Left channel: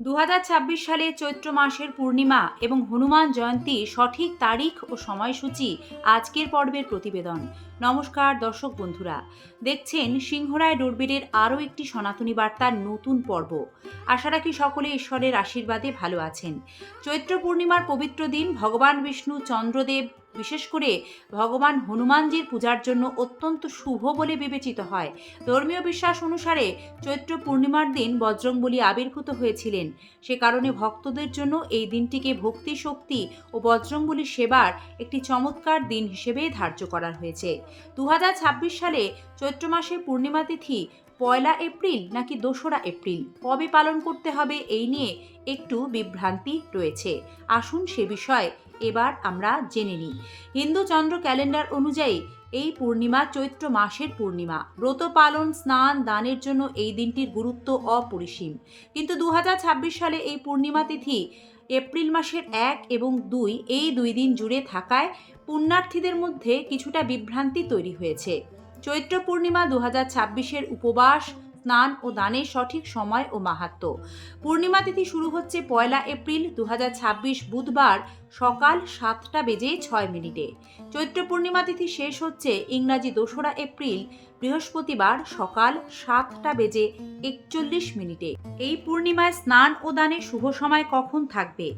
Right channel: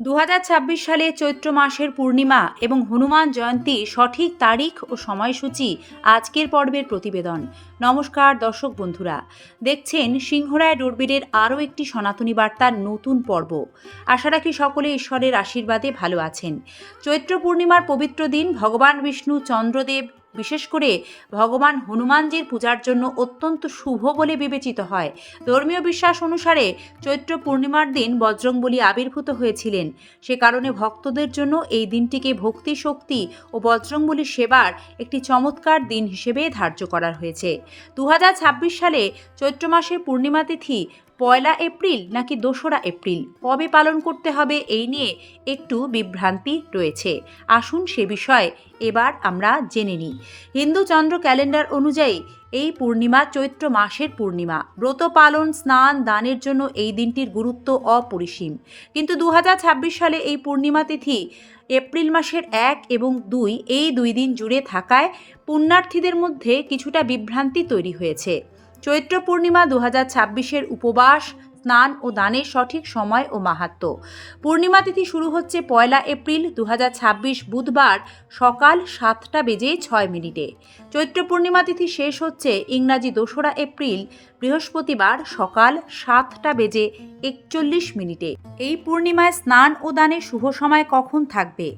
2026 সালে চৈত্র মাসের পূর্ণিমা এবং হনুমান জয়ন্তী সঠিক তারিখ ও সময়সূচি আজকের পর্বের প্রতিবেদন। নমস্কার দর্শক বন্ধুরা, দেখছেন সিংহরায় দূরবীনের আরও একটি সনাতনী বার্তার নতুন পর্ব। আশা রাখি সকলে ঈশ্বরের আশীর্বাদে ভালো আছেন। চৈত্র পূর্ণিমার পবিত্র দিন ভগবান বিষ্ণু চন্দ্রদেব বিশেষ করে ভগবান হনুমানজির পূজার জন্য অত্যন্ত শুভ বলে বিবেচিত হয়। ধর্মীয় বিশ্বাস অনুসারে চৈত্র পূর্ণিমার দিন বজরংবলী আবির্ভূত হয়েছিলেন। সে কারণে ভক্তদের জন্য এই দিনটিকে ভক্তি শক্তি ও বজরংবলীর সেবার একটি চমৎকার দিন হিসেবে ধার্য করা হয়েছে। 2026 সালে চৈত্র মাসের পূর্ণিমা তিথি 1 এপ্রিল নাকি 2 এপ্রিল কবে পালন করতে হবে এই নিয়ে একটু বিভ্রান্তি রয়েছে। আসুন সে বিষয়ে এবার আমরা জেনে নিই। হিন্দু চন্দ্র ক্যালেন্ডার অনুযায়ী এই পূর্ণিমা চৈত্র মাসের পূর্ণিমা। ব্রত পালন, স্নান, দানের জন্য এই দিনটির গুরুত্ব অপরিসীম। কিন্তু 2026 সালে এই পূর্ণিমা তিথি এপ্রিল মাসের 1 এবং 2 এই 2 দিন জুড়ে থাকায় পুণ্যার্থীদের মধ্যে কিছুটা বিভ্রান্তি তৈরি হয়েছে। চৈত্র পূর্ণিমা 2026-এর উপবাস, স্নান ও দানের সঠিক সময় ও মাহাত্ম্য। পূর্ণিমা তিথি শুরু হচ্ছে 1 এপ্রিল 2026 বুধবার সকাল 7:06। চৈত্র পূর্ণিমা তিথি শেষ হচ্ছে ইংরাজি 2 এপ্রিল বৃহস্পতিবার সকাল 7:41। এই পূর্ণিমায় স্নান ও দানের শুভ সময় কখন থাকবে?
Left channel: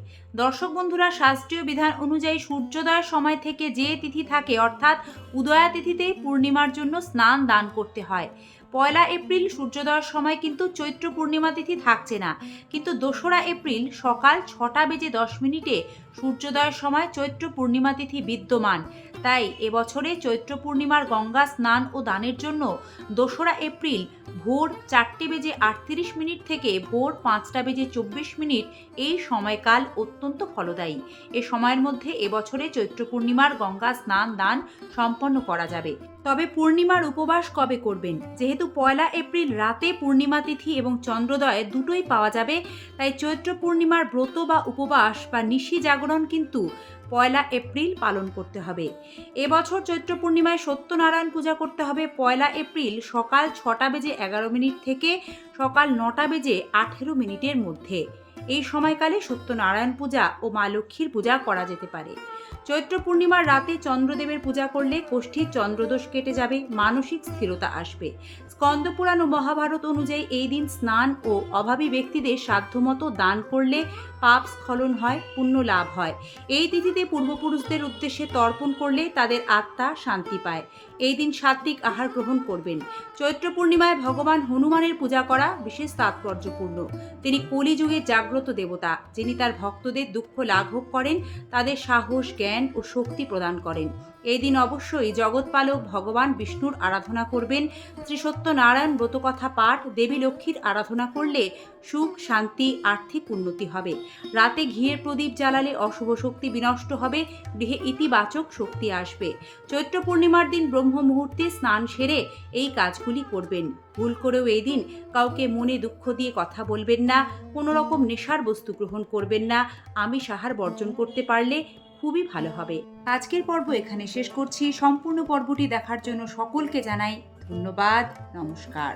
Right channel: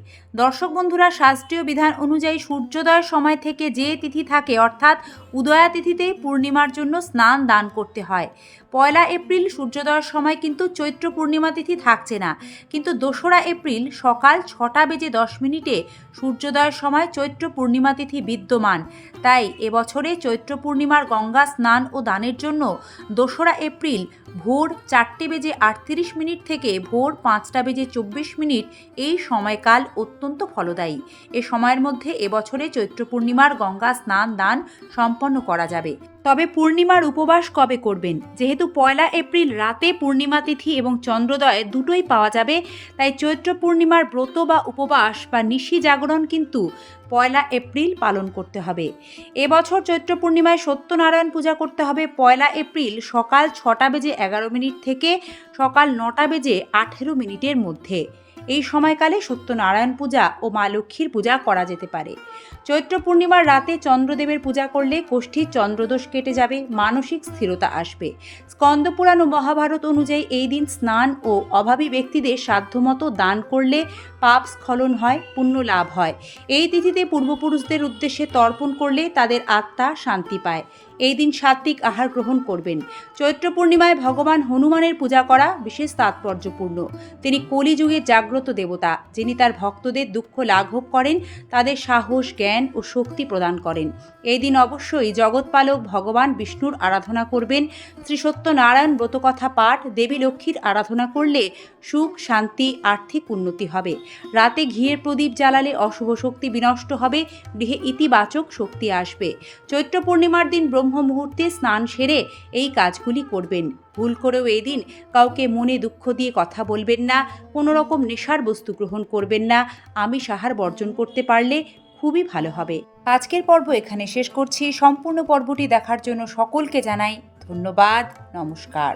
দর্শক বন্ধুরা, শাস্ত্রীয় বিধান অনুযায়ী সূর্যোদয়ের সময় থেকে যে তিথি থাকে অর্থাৎ উদয়া তিথিতেই পূর্ণিমার জন্য স্নান দান করতে হয়। 1 এপ্রিল সূর্যোদয়ের সময় কিন্তু চৈত্র পূর্ণিমা তিথি থাকছে না, কিন্তু 2 এপ্রিল সকাল 6:10 সূর্যোদয়ের সময় চৈত্র পূর্ণিমা তিথি বিদ্যমান। তাই এবছরে চৈত্র পূর্ণিমার গঙ্গা স্নান ও দানের জন্য 2 এপ্রিল ভোর 4:38 থেকে ভোর 5:24 এই সময়কাল অত্যন্ত ফলদায়ী। এ সময়ের মধ্যে এবছরে চৈত্র পূর্ণিমার গঙ্গা স্নান দান সম্পন্ন করা যাবে। তবে পূর্ণিমার উপবাস কবে করবেন? যেহেতু 1 এপ্রিল রাতে পূর্ণিমা তিথি এবং চন্দ্রোদয় দুটোই পাওয়া যাবে, তাই চৈত্র পূর্ণিমার ব্রত বা উপবাস বা নিশি জাগরণ কিন্তু 1 এপ্রিল পালন করতে হবে। এবছর চৈত্র পূর্ণিমায় সত্যনারায়ণ পূজা করতে হবে 1 এপ্রিল সকাল 6:11 থেকে সকাল 9:18 মধ্যে। এই সময়কালে সত্যনারায়ণ পূজা ও মা লক্ষ্মীর পূজা করা যেতে পারে। চৈত্র পূর্ণিমার রাতে চন্দ্রদেবের পূজা করলে কোষ্ঠীর চন্দ্রদোষ কেটে যাবে, মানসিক স্থিরতা আসবে। স্কন্দপুরাণ ও মহাভারত অনুযায়ী এই দিন স্নান ও অভাবী ব্যক্তিদের সাধ্যমতো দান করলে পাপ স্খলন হয়, পুণ্য লাভ হয়। এই তিথিতে পূর্বপুরুষদের উদ্দেশ্যে তর্পণ করলে তাদের আত্মা শান্তি পায়। এই দিন সাত্ত্বিক আহার গ্রহণ করবেন। চৈত্র পূর্ণিমায় ভগবান হনুমানের পূজা করা বিশেষ তাৎপর্যপূর্ণ। তিনি কলিযুগের জাগ্রত দেবতা, যিনি তার ভক্তদের দুঃখ লাঘব করেন, তাদের সাহস, জ্ঞান ও শক্তি প্রদান করেন। এই দিন অবশ্যই জগৎপালক ভগবান বিষ্ণুর আরাধনা করবেন। শ্রী সত্যনারায়ণ ব্রতকথা পাঠ, দেবী লক্ষ্মীর আরাধনা করলে সুখ, শান্তি, আর্থিক উন্নতি হবে। রাতে ঘিয়ের প্রদীপ জ্বালালে অশুভ শক্তি বিনষ্ট হবে, গৃহে ইতিবাচক শক্তি আসবে। চৈত্র পূর্ণিমার দিন ব্রহ্ম মুহূর্তে স্নান সেরে এই কাজগুলি করবেন। ভুল করেও এই দিন কাউকে মনে দুঃখ দিয়ে কথা বলবেন না, কোনো রকম নেশার বস্তু গ্রহণ করবেন না। আমিষ আহার বর্জন করতে পারলে খুবই ভালো হবে। আজকের পর্ব এখানে শেষ করছি। সম্পূর্ণ পর্বটি দেখার জন্য সকলকে জানাই ধন্যবাদ। নমস্কার।